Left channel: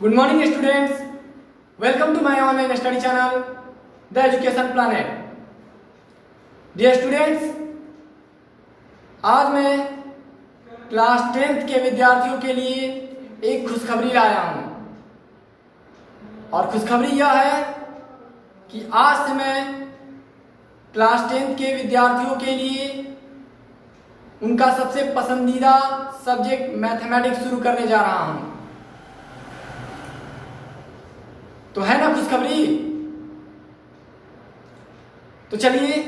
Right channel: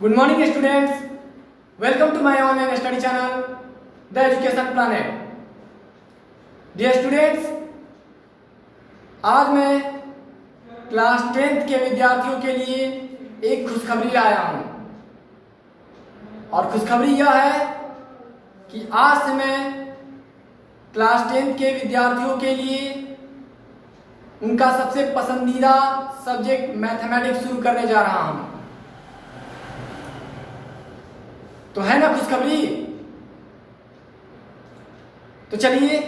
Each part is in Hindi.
Good morning students. Welcome to my online study channel, The Education Planet. Dear students, आज मैं क्लास 10th के विद्यार्थियों के लिए एक खुशखबरी लाया हूँ और खुशखबरी यह है कि आज से मैं क्लास 10th के विद्यार्थियों के लिए उनका सबसे पसंदीदा सब्जेक्ट मैथमेटिक्स शुरू करने जा रहा हूँ। तो है ना खुशखबरी। तो चलिए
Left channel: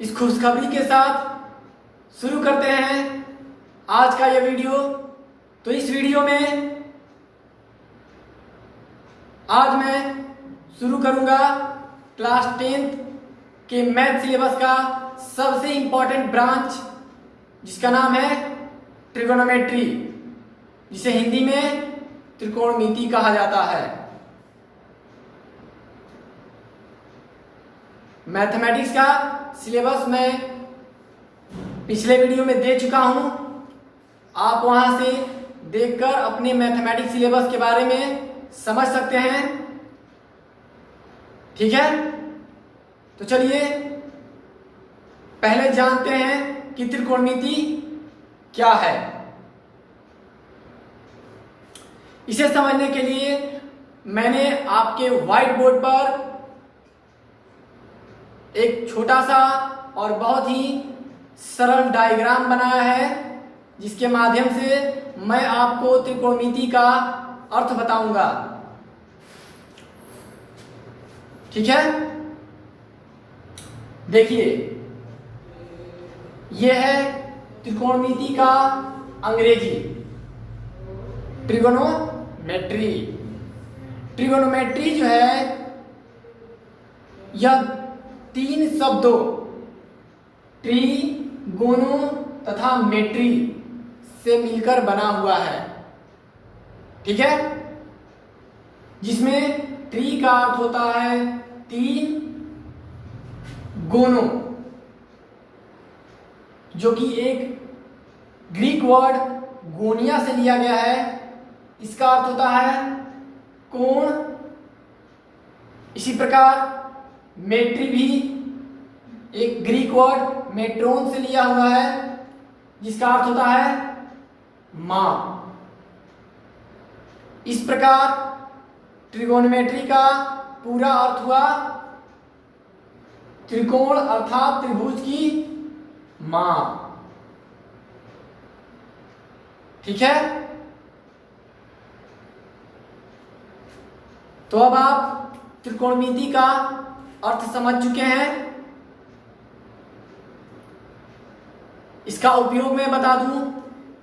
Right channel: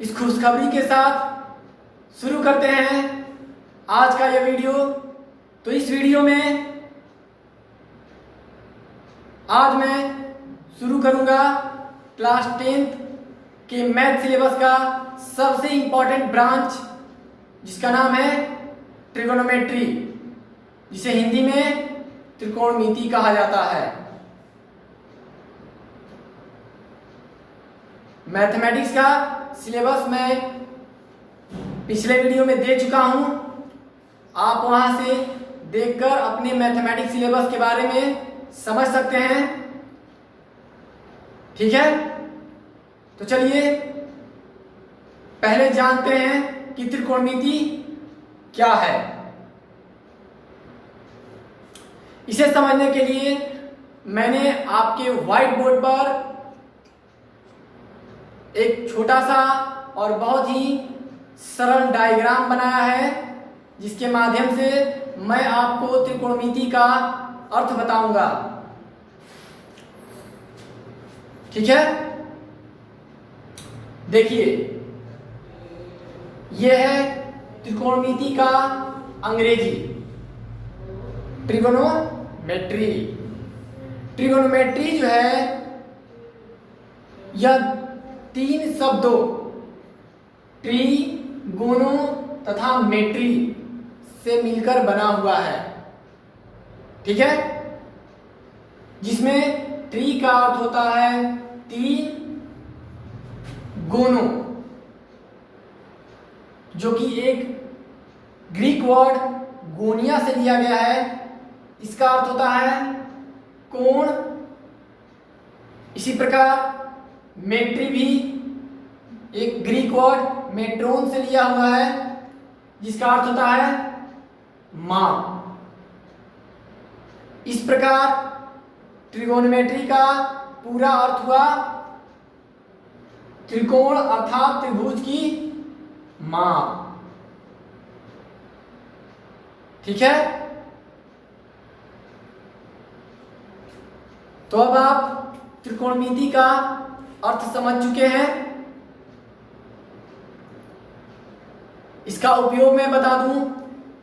इस खुशखबरी के साथ शुरू करते हैं आज का यह वीडियो। तो इस वीडियो में आज मैं शुरू करूंगा क्लास 10th के मैथ सिलेबस का सबसे इंपॉर्टेंट ब्रांच, जिसका नाम है ट्रिगोनोमेट्री, जिसे हिंदी में त्रिकोणमिति कहा जाता है। मैथमेटिक्स का सिलेबस मैं पिछले वीडियो में दे चुका हूं। आप वहां से देखकर अपने मैथमेटिक्स सिलेबस के बारे में समझ सकते हैं। ठीक है, तो चलिए पहले जानते हैं कि त्रिकोणमिति क्या है। इसे समझने के लिए मैंने आपके व्हाइट बोर्ड पर एक छोटा सा और बहुत ही सरल डायग्राम बनाया है, जिसके माध्यम से मैं आपको त्रिकोणमिति का अर्थ बताऊंगा। ठीक है, देखिए यह है त्रिकोणमिति का अंग्रेजी, ट्रिगोनोमेट्री। ट्रिगोनोमेट्री जो है यह 3 शब्दों ट्री, गोनो तथा मेट्री से मिलकर बना हुआ है। ठीक है, जिसमें ट्री का अर्थ होता है 3, गोनो जो कि एक ग्रीक वर्ड गोनिया से लिया गया है, इसका अर्थ होता है कोण। इसी प्रकार मेट्री भी एक ग्रीक वर्ड मेट्रोन से लिया हुआ है, जिसका अर्थ होता है माप। इस प्रकार ट्रिगोनोमेट्री का पूरा अर्थ हुआ त्रिकोण अर्थात त्रिभुज की माप। ठीक है, तो अब आप त्रिकोणमिति का अर्थ समझ चुके हैं। इसका उपयोग मैं बता दूं,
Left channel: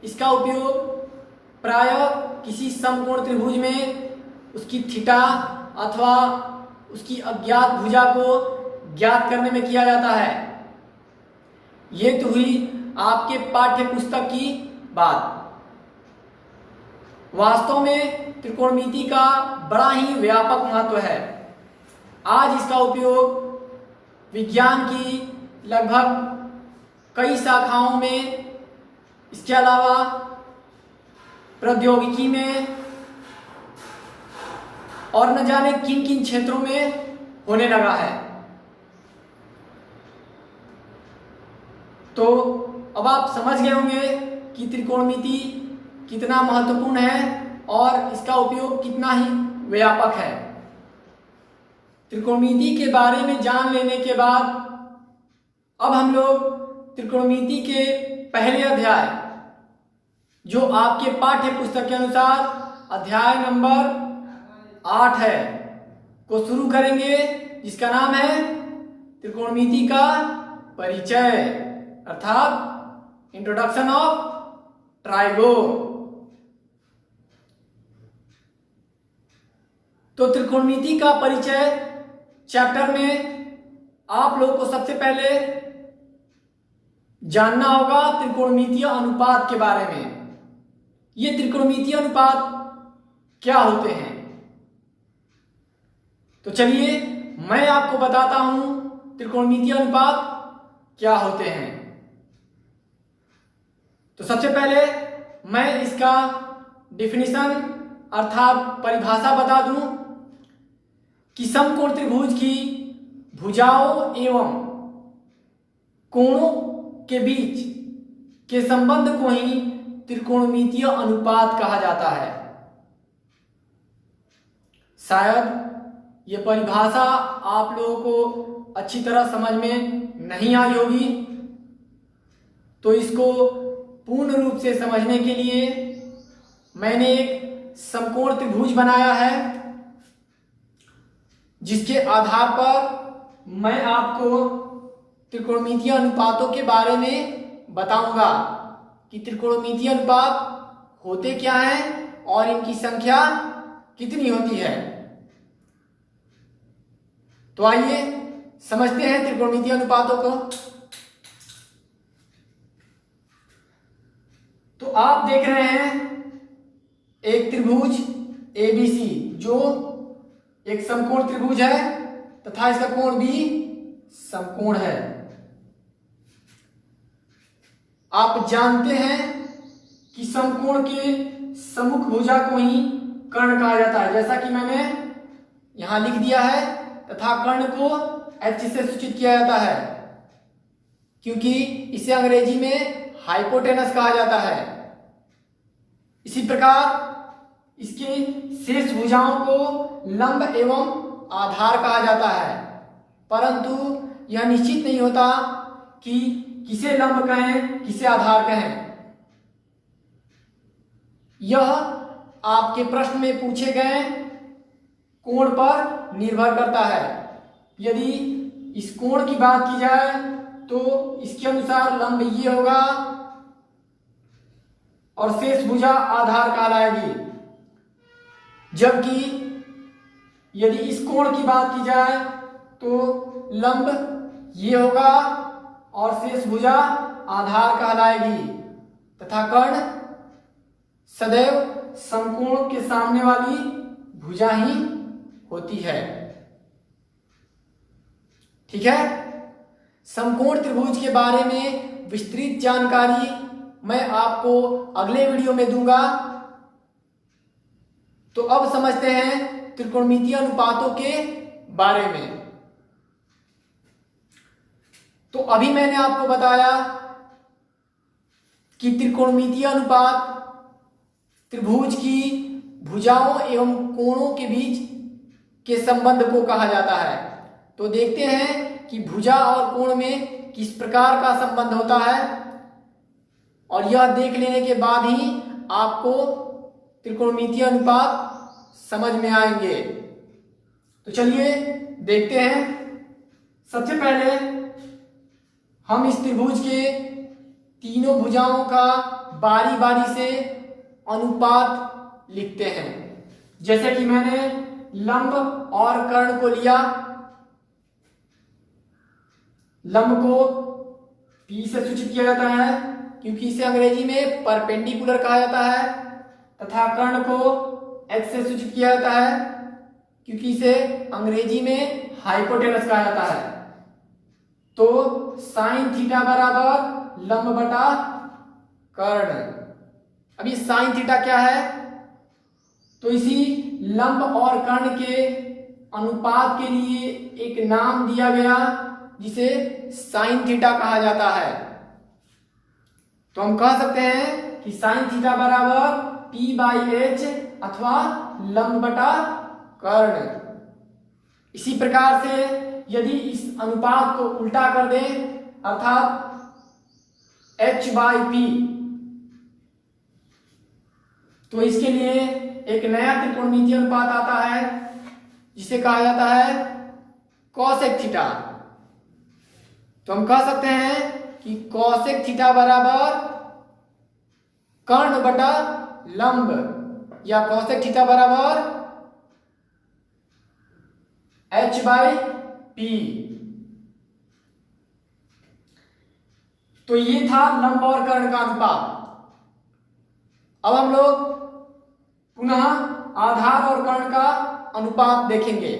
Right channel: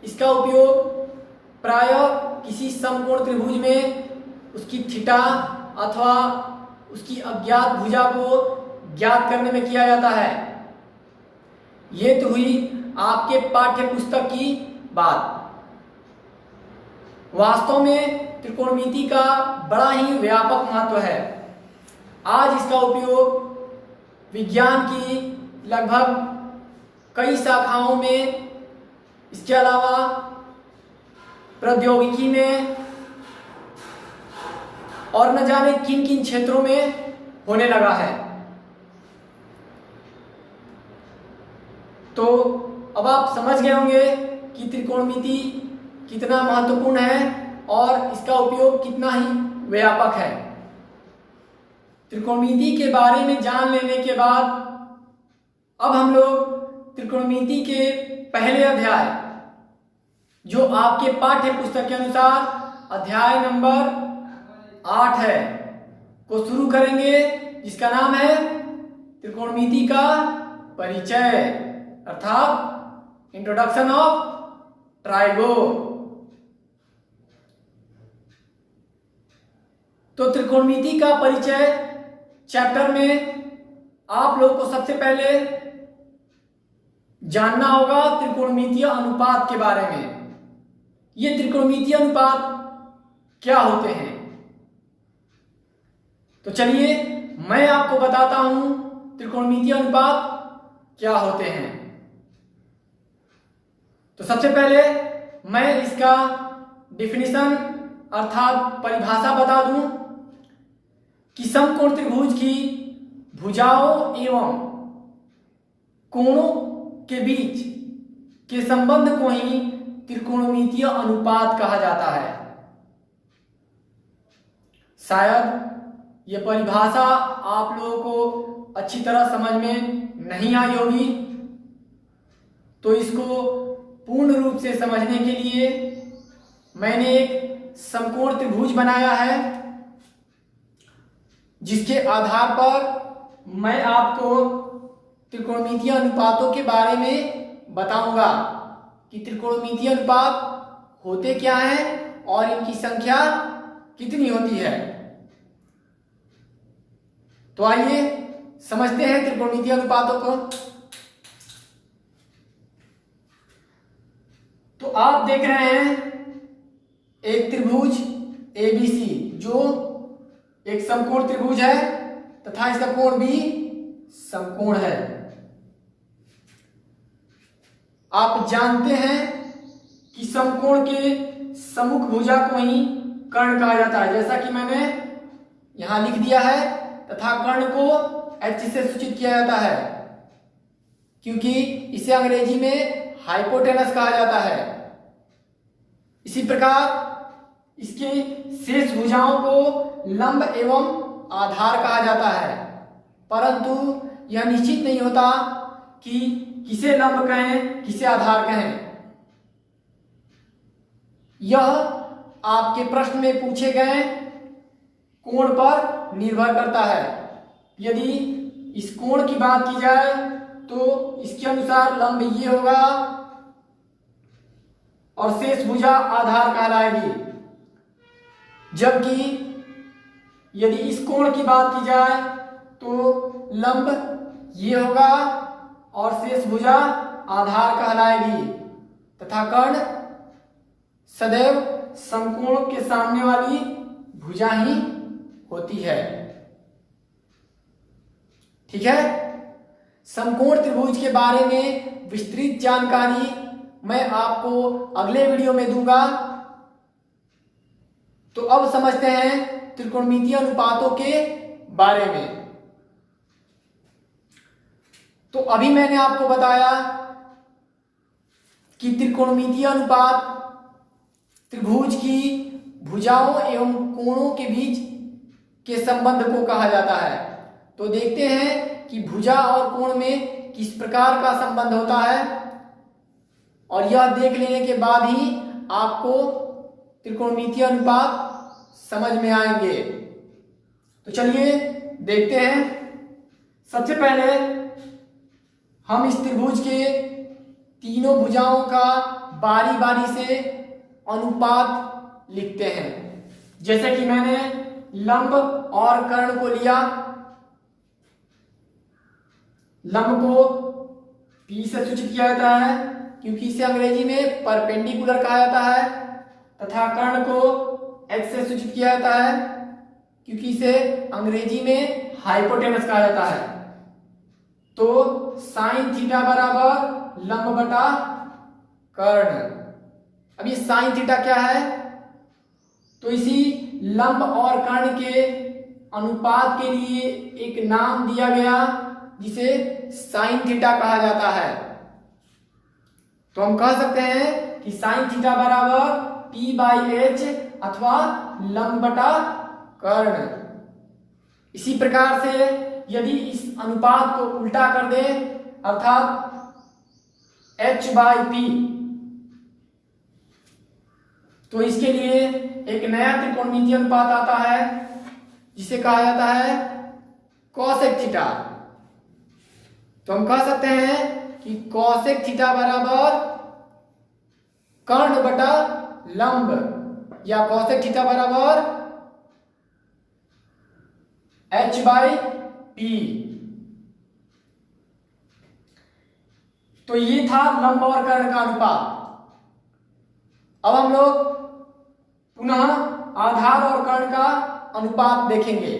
इसका उपयोग प्रायः किसी समकोण त्रिभुज में उसकी थीटा अथवा उसकी अज्ञात भुजा को ज्ञात करने में किया जाता है। ये तो हुई आपके पाठ्य पुस्तक की बात। वास्तव में त्रिकोणमिति का बड़ा ही व्यापक महत्व है। आज इसका उपयोग विज्ञान की लगभग कई शाखाओं में, इसके अलावा प्रौद्योगिकी में और न जाने किन किन क्षेत्रों में होने लगा है। तो अब आप समझ गए होंगे कि त्रिकोणमिति कितना महत्वपूर्ण है और इसका उपयोग कितना ही व्यापक है। त्रिकोणमिति के बारे में जान लेने के बाद अब हम लोग त्रिकोणमिति के पहले अध्याय, जो आपके पाठ्य पुस्तक के अनुसार अध्याय नंबर 8 है, को शुरू करेंगे, जिसका नाम है त्रिकोणमिति का परिचय अर्थात इंट्रोडक्शन ऑफ ट्राइगोन। तो त्रिकोणमिति का परिचय चैप्टर में आप लोगों को सबसे पहले जानना होगा त्रिकोणमितीय अनुपात के बारे में। ये त्रिकोणमितीय अनुपात क्या होते हैं, तो चलिए मैं आपको बताता हूं त्रिकोणमितीय अनुपात क्या होते हैं। तो सबसे पहले मैं इसका डिफिनीशन अर्थात परिभाषा बता दूं कि समकोण त्रिभुज की भुजाओं एवं कोणों के बीच के संबंध को ही त्रिकोणमितीय अनुपात कहा जाता है। शायद ये परिभाषा आप लोगों को अच्छी तरह समझ में नहीं आई होगी, तो इसको पूर्ण रूप से समझने के लिए मैंने एक समकोण त्रिभुज बनाया है, जिसके आधार पर मैं आपको त्रिकोणमितीय अनुपातों के बारे में बताऊंगा कि त्रिकोणमितीय अनुपात होते क्या हैं और इनकी संख्या कितनी होती है। तो आइए समझते हैं त्रिकोणमितीय अनुपातों को। तो आप देख रहे हैं एक त्रिभुज ABC जो एक समकोण त्रिभुज है तथा इसका कोण भी समकोण है। आप जानते हैं कि समकोण के सम्मुख भुजा को ही कर्ण कहा जाता है, जैसा कि मैंने यहां लिख दिया है, तथा कर्ण को H से सूचित किया जाता है क्योंकि इसे अंग्रेजी में हाइपोटेनस कहा जाता है। इसी प्रकार इसके शेष भुजाओं को लंब एवं आधार कहा जाता है, परंतु यह निश्चित नहीं होता कि किसे लंब कहें किसे आधार कहें। यह आपके प्रश्न में पूछे गए कोण पर निर्भर करता है। यदि इस कोण की बात की जाए तो इसके अनुसार लंब ये होगा और शेष भुजा आधार कहलाएगी, जबकि यदि इस कोण की बात की जाए तो लंब ये होगा और शेष भुजा आधार कहलाएगी, तथा कर्ण सदैव समकोण के सामने वाली भुजा ही होती है। ठीक है, समकोण त्रिभुज के बारे में विस्तृत जानकारी मैं आपको अगले वीडियो में दूंगा। तो अब समझते हैं त्रिकोणमितीय अनुपातों के बारे में। तो अभी मैंने आपको बताया कि त्रिकोणमितीय अनुपात त्रिभुज की भुजाओं एवं कोणों के बीच के संबंध को कहा जाता है। तो देखते हैं कि भुजा और कोण में किस प्रकार का संबंध होता है, और यह देख लेने के बाद ही आपको त्रिकोणमितीय अनुपात समझ में आएंगे। तो चलिए देखते हैं। सबसे पहले हम इस त्रिभुज के तीनों भुजाओं का बारी बारी से अनुपात लिखते हैं। जैसे कि मैंने लंब और कर्ण को लिया, लंब को P से सूचित किया जाता है क्योंकि इसे अंग्रेजी में परपेंडिकुलर कहा जाता है, तथा कर्ण को H से सूचित किया जाता है क्योंकि इसे अंग्रेजी में हाइपोटेनस कहा जाता है। तो साइन थीटा बराबर लंब बटा कर्ण। अब ये साइन थीटा क्या है, तो इसी लंब और कर्ण के अनुपात के लिए एक नाम दिया गया जिसे साइन थीटा कहा जाता है। तो हम कह सकते हैं कि साइन थीटा बराबर P/H अथवा लंब बटा कर्ण। इसी प्रकार से यदि इस अनुपात को उल्टा कर दें अर्थात H/P, तो इसके लिए एक नया त्रिकोणमितीय अनुपात आता है जिसे कहा जाता है कॉसेक थीटा। तो हम कह सकते हैं कि कॉसेक थीटा बराबर कर्ण बटा लंब, या कॉसेक थीटा बराबर H/P। तो ये था लंब और कर्ण का अनुपात। अब हम लोग पुनः आधार और कर्ण का अनुपात देखेंगे।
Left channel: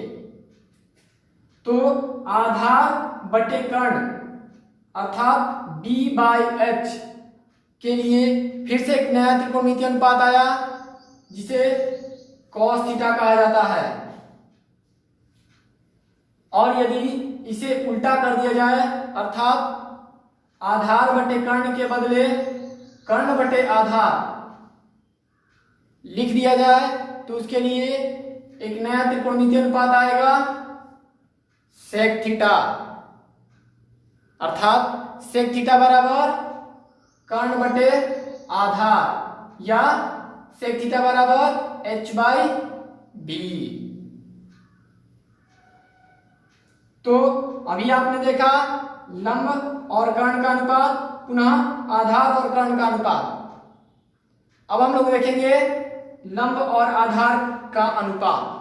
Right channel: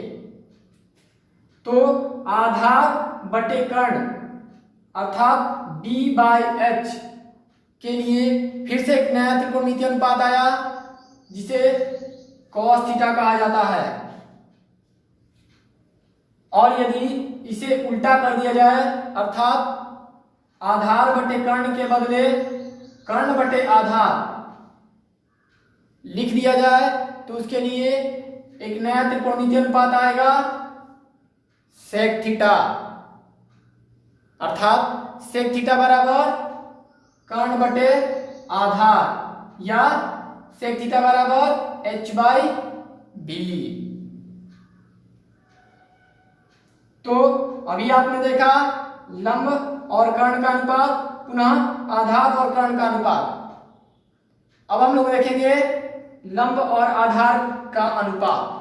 तो आधार बटे कर्ण अर्थात D/H के लिए फिर से एक नया त्रिकोणमितीय अनुपात आया जिसे कॉस थीटा कहा जाता है। और यदि इसे उल्टा कर दिया जाए अर्थात आधार बटे कर्ण के बदले कर्ण बटे आधार लिख दिया जाए तो उसके लिए एक नया त्रिकोणमितीय अनुपात आएगा सेक थीटा, अर्थात सेक थीटा बराबर कर्ण बटे आधार या सेक थीटा बराबर h/b। तो अभी आपने देखा लंब और कर्ण का अनुपात, पुनः आधार और कर्ण का अनुपात। अब हम लोग देखेंगे लंब और आधार का अनुपात।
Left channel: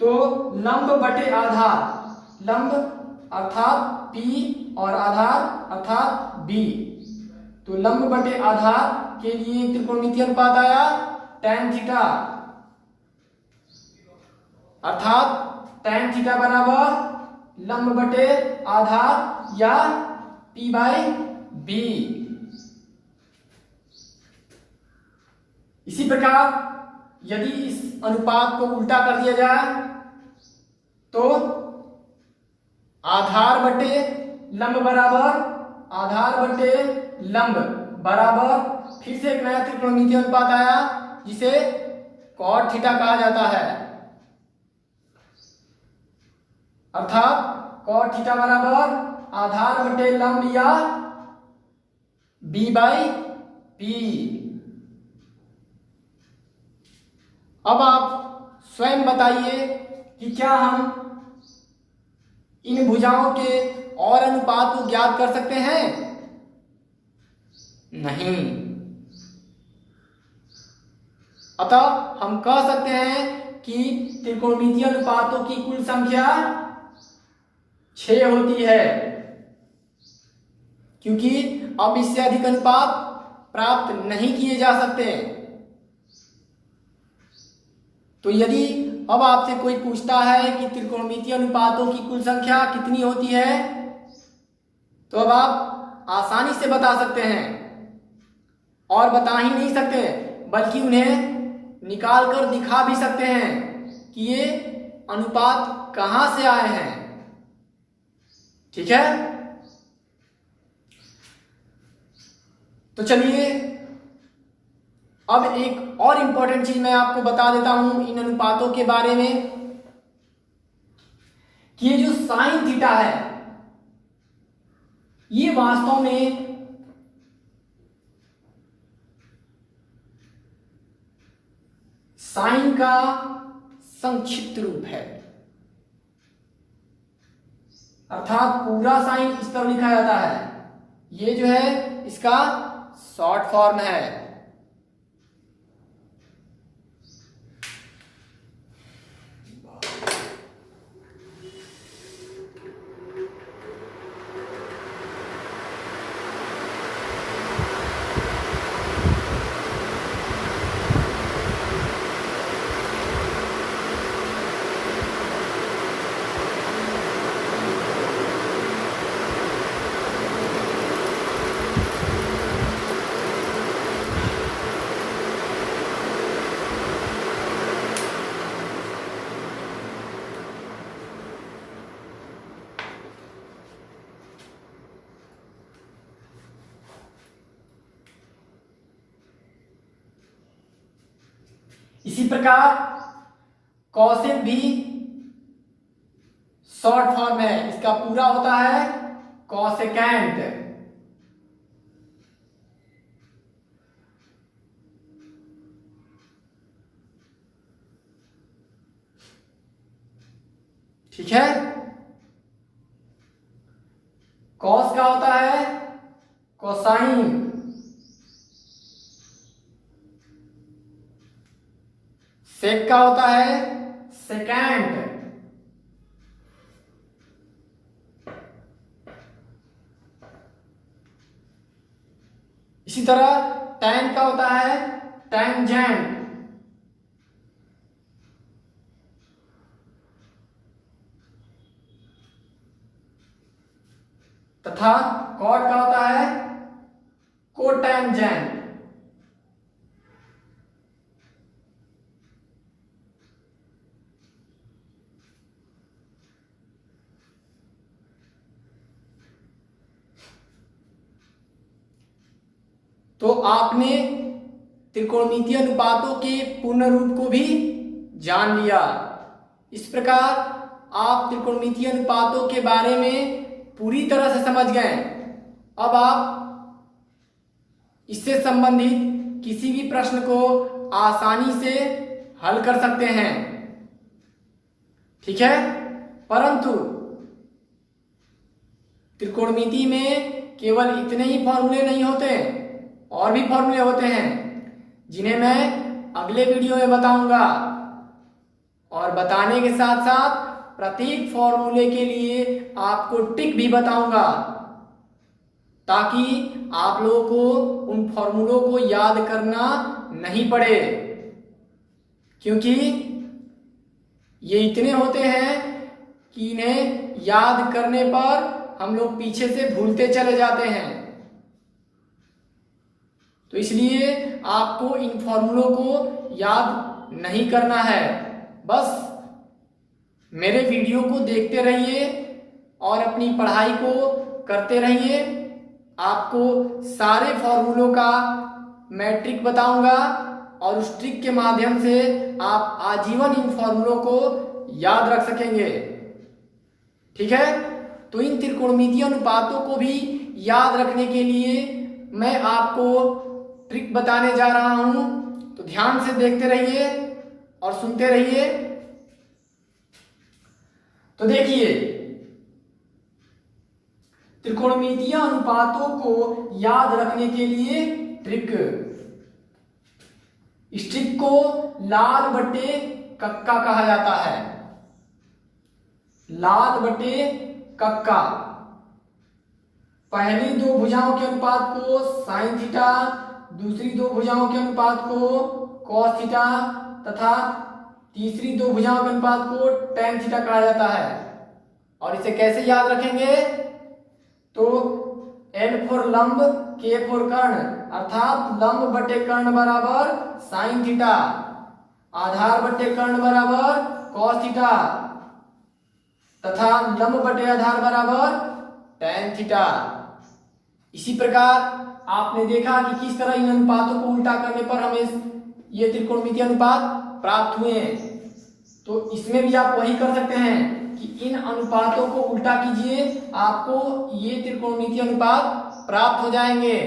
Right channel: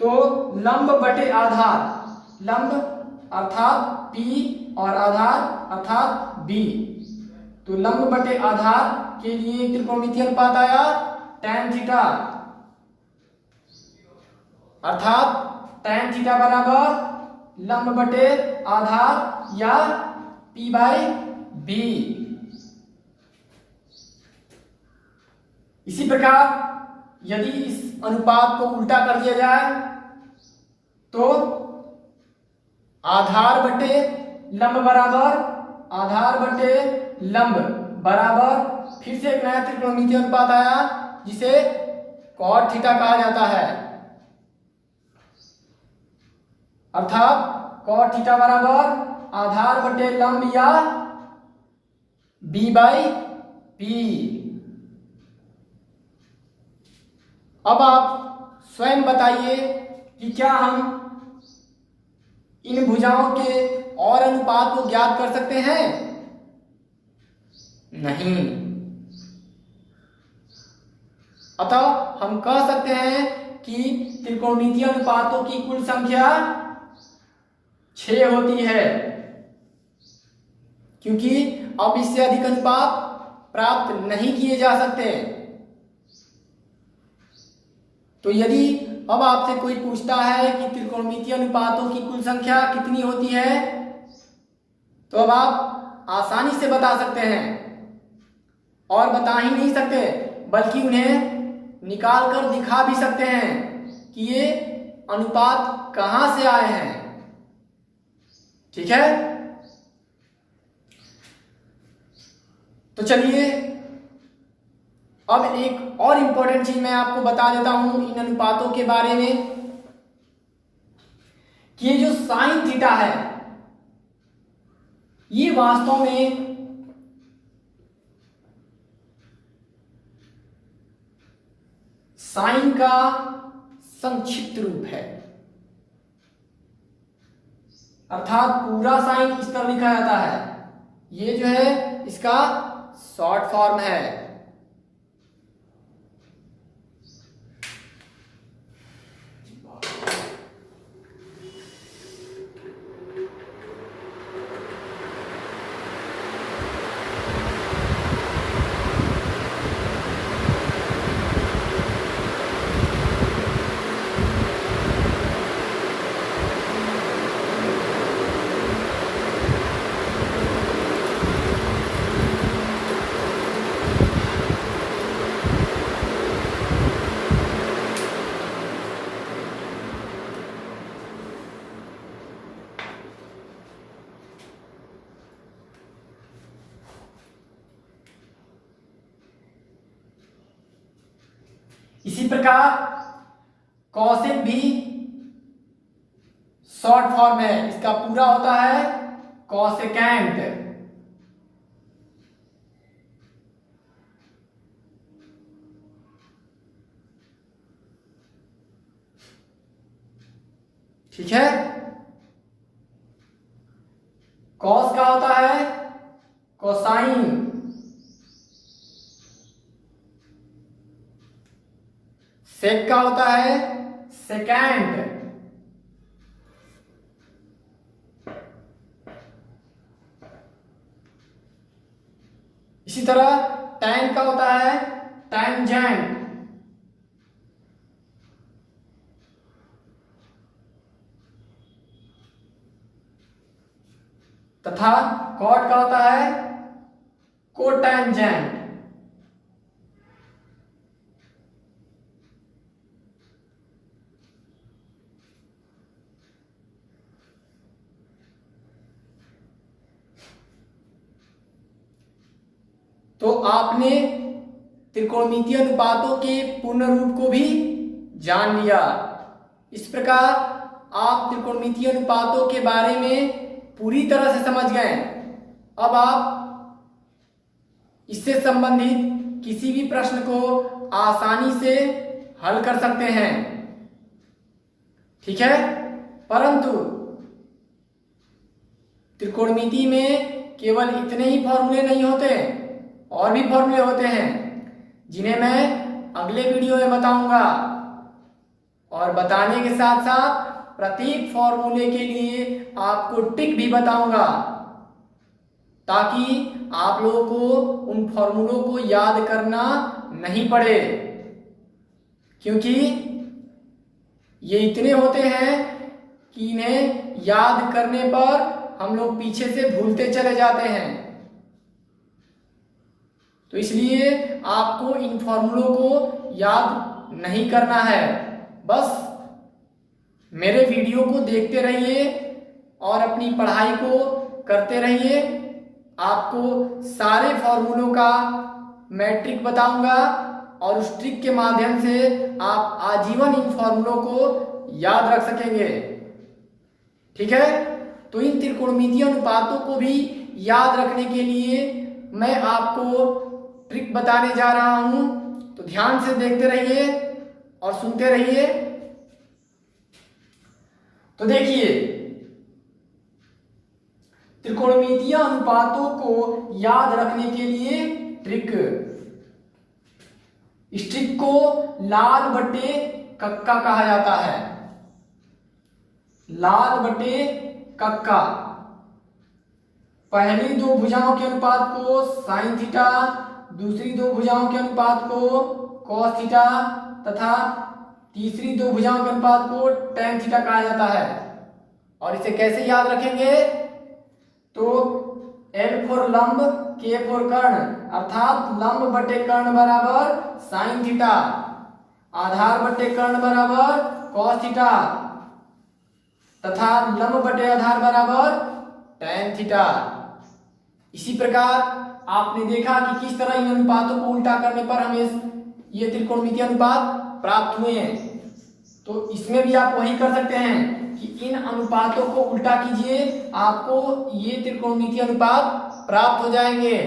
तो लंब बटे आधार, लंब अर्थात p और आधार अर्थात b। तो लंब बटे आधार के लिए त्रिकोणमितीय अनुपात आया tan थीटा, अर्थात tan थीटा बराबर लंब बटे आधार या p/b। इसी प्रकार यदि इस अनुपात को उल्टा कर दिया जाए तो आधार बटे लंब बराबर आधार बटे लंब बराबर फिर से एक नया त्रिकोणमितीय अनुपात आया जिसे cot थीटा कहा जाता है, अर्थात cot थीटा बराबर आधार बटे लंब या b/p। अब आप स्वयं बताइए कि क्या हम इन भुजाओं के और अनुपात को ज्ञात कर सकते हैं? नहीं। अतः हम कह सकते हैं कि त्रिकोणमितीय अनुपातों की कुल संख्या 6 होती है, क्योंकि अब इससे अधिक अनुपात प्राप्त नहीं किए जा सकते। तो यदि अब आपसे कोई पूछता है कि त्रिकोणमितीय अनुपातों की कुल संख्या कितनी होती है, तो अब आप आसानी से बता सकते हैं, और बता ही नहीं सकते बल्कि उन्हें निकाल कर दिखा भी सकते हैं कि ये अनुपात कहां से आए हैं। ठीक है, तो चलिए अब एक और इंपॉर्टेंट चीज मैं आपको बता देता हूं इन अनुपातों के बारे में कि ये जो साइन थीटा है ये वास्तव में साइन का संक्षिप्त रूप है, अर्थात पूरा साइन इस तरह लिखा जाता है। ये जो है इसका शॉर्ट फॉर्म है। इसी प्रकार कॉसेक भी शॉर्ट फॉर्म है, इसका पूरा होता है कॉसेकेंट। ठीक है, कॉस का होता है कोसाइन, सेक का होता है सेकेंड, इसी तरह टैन का होता है टैंजेंट, तथा कॉट का होता है कोटैंजेंट। तो आपने त्रिकोणमितीय अनुपातों के पूर्ण रूप को भी जान लिया। इस प्रकार आप त्रिकोणमितीय अनुपातों के बारे में पूरी तरह से समझ गए। अब आप इससे संबंधित किसी भी प्रश्न को आसानी से हल कर सकते हैं, ठीक है। परंतु त्रिकोणमिति में केवल इतने ही फॉर्मूले नहीं होते, और भी फॉर्मूले होते हैं जिन्हें मैं अगले वीडियो में बताऊंगा। और बताने के साथ साथ प्रत्येक फॉर्मूले के लिए आपको ट्रिक भी बताऊंगा, ताकि आप लोगों को उन फॉर्मूलों को याद करना नहीं पड़े, क्योंकि ये इतने होते हैं कि इन्हें याद करने पर हम लोग पीछे से भूलते चले जाते हैं। तो इसलिए आपको इन फॉर्मूलों को याद नहीं करना है, बस मेरे वीडियो को देखते रहिए और अपनी पढ़ाई को करते रहिए। आपको सारे फॉर्मूलों का मैं ट्रिक बताऊंगा, और उस ट्रिक के माध्यम से आप आजीवन इन फॉर्मूलों को याद रख सकेंगे, ठीक है। तो इन त्रिकोणमितीय अनुपातों को भी याद रखने के लिए मैं आपको ट्रिक बताने जा रहा हूं, तो ध्यान से देखते रहिए और सुनते रहिए। तो देखिए, त्रिकोणमितीय अनुपातों को याद रखने के लिए ट्रिक, इस ट्रिक को लाल बटे कक्का कहा जाता है। लाल बटे कक्का, पहली दो भुजाओं के अनुपात को साइन थीटा, दूसरी दो भुजाओं के अनुपात को कॉस थीटा तथा तीसरी दो भुजाओं के अनुपात को टेन थीटा कहा जाता है। और इसे कैसे याद रखेंगे? तो L फॉर लंब, K फॉर कर्ण, अर्थात लंब बटे कर्ण बराबर साइन थीटा, आधार बटे कर्ण बराबर कॉस थीटा तथा लंब बटे आधार बराबर टेन थीटा। इसी प्रकार आपने देखा कि किस तरह इन अनुपातों को उल्टा करने पर हमें ये त्रिकोणमितीय अनुपात प्राप्त हुए हैं। तो इसमें भी आप वही कर सकते हैं कि इन अनुपातों को उल्टा कीजिए, आपको ये त्रिकोणमितीय अनुपात प्राप्त हो जाएंगे।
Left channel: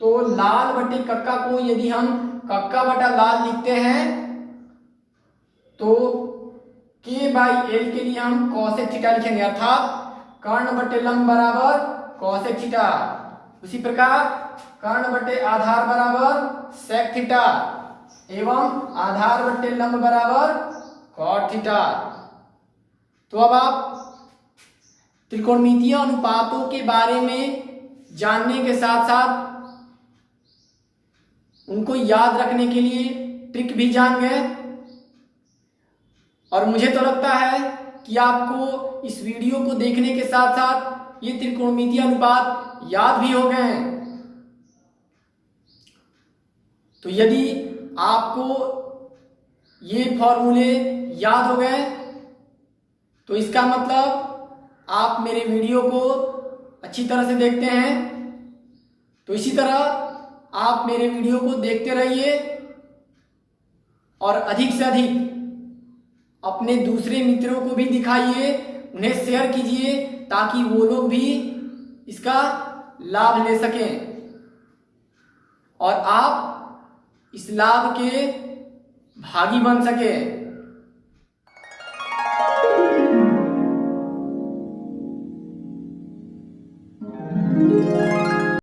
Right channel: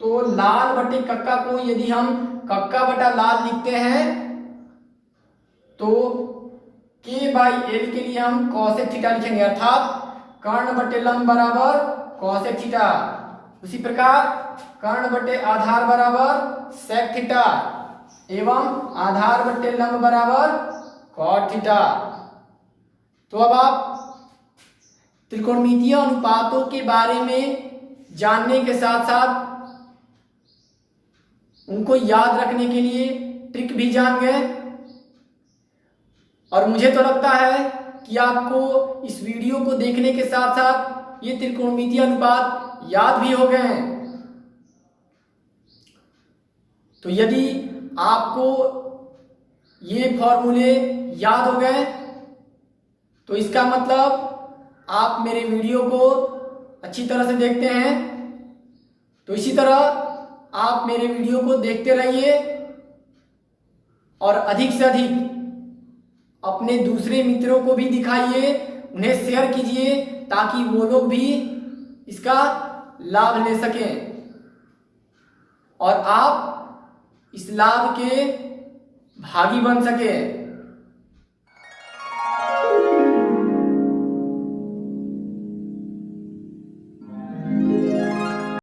तो लाल बटे कक्का को यदि हम कक्का बटा लाल लिखते हैं तो K बाई L के लिए हम कॉसेक थीटा लिखेंगे, अर्थात कर्ण बटे लंब बराबर कॉसेक थीटा। उसी प्रकार कर्ण बटे आधार बराबर सेक थीटा एवं आधार बटे लंब बराबर कॉट थीटा। तो अब आप त्रिकोणमितीय अनुपातों के बारे में जानने के साथ साथ उनको याद रखने के लिए ट्रिक भी जान गए, और मुझे तो लगता है कि आपको इस वीडियो को देखने के साथ साथ ये त्रिकोणमितीय अनुपात याद भी हो गए हैं। तो यदि आपको ये फॉर्मूले याद हो गए तो इसका मतलब आप मेरे वीडियो को अच्छी तरह से देखते हैं। तो इसी तरह आप मेरे वीडियो को देखते रहिए और अधिक से अधिक अपने दूसरे मित्रों को भी दिखाइए, उन्हें शेयर कीजिए, ताकि वो लोग भी इसका लाभ ले सकें और आप इस लाभ के भागी बन सके।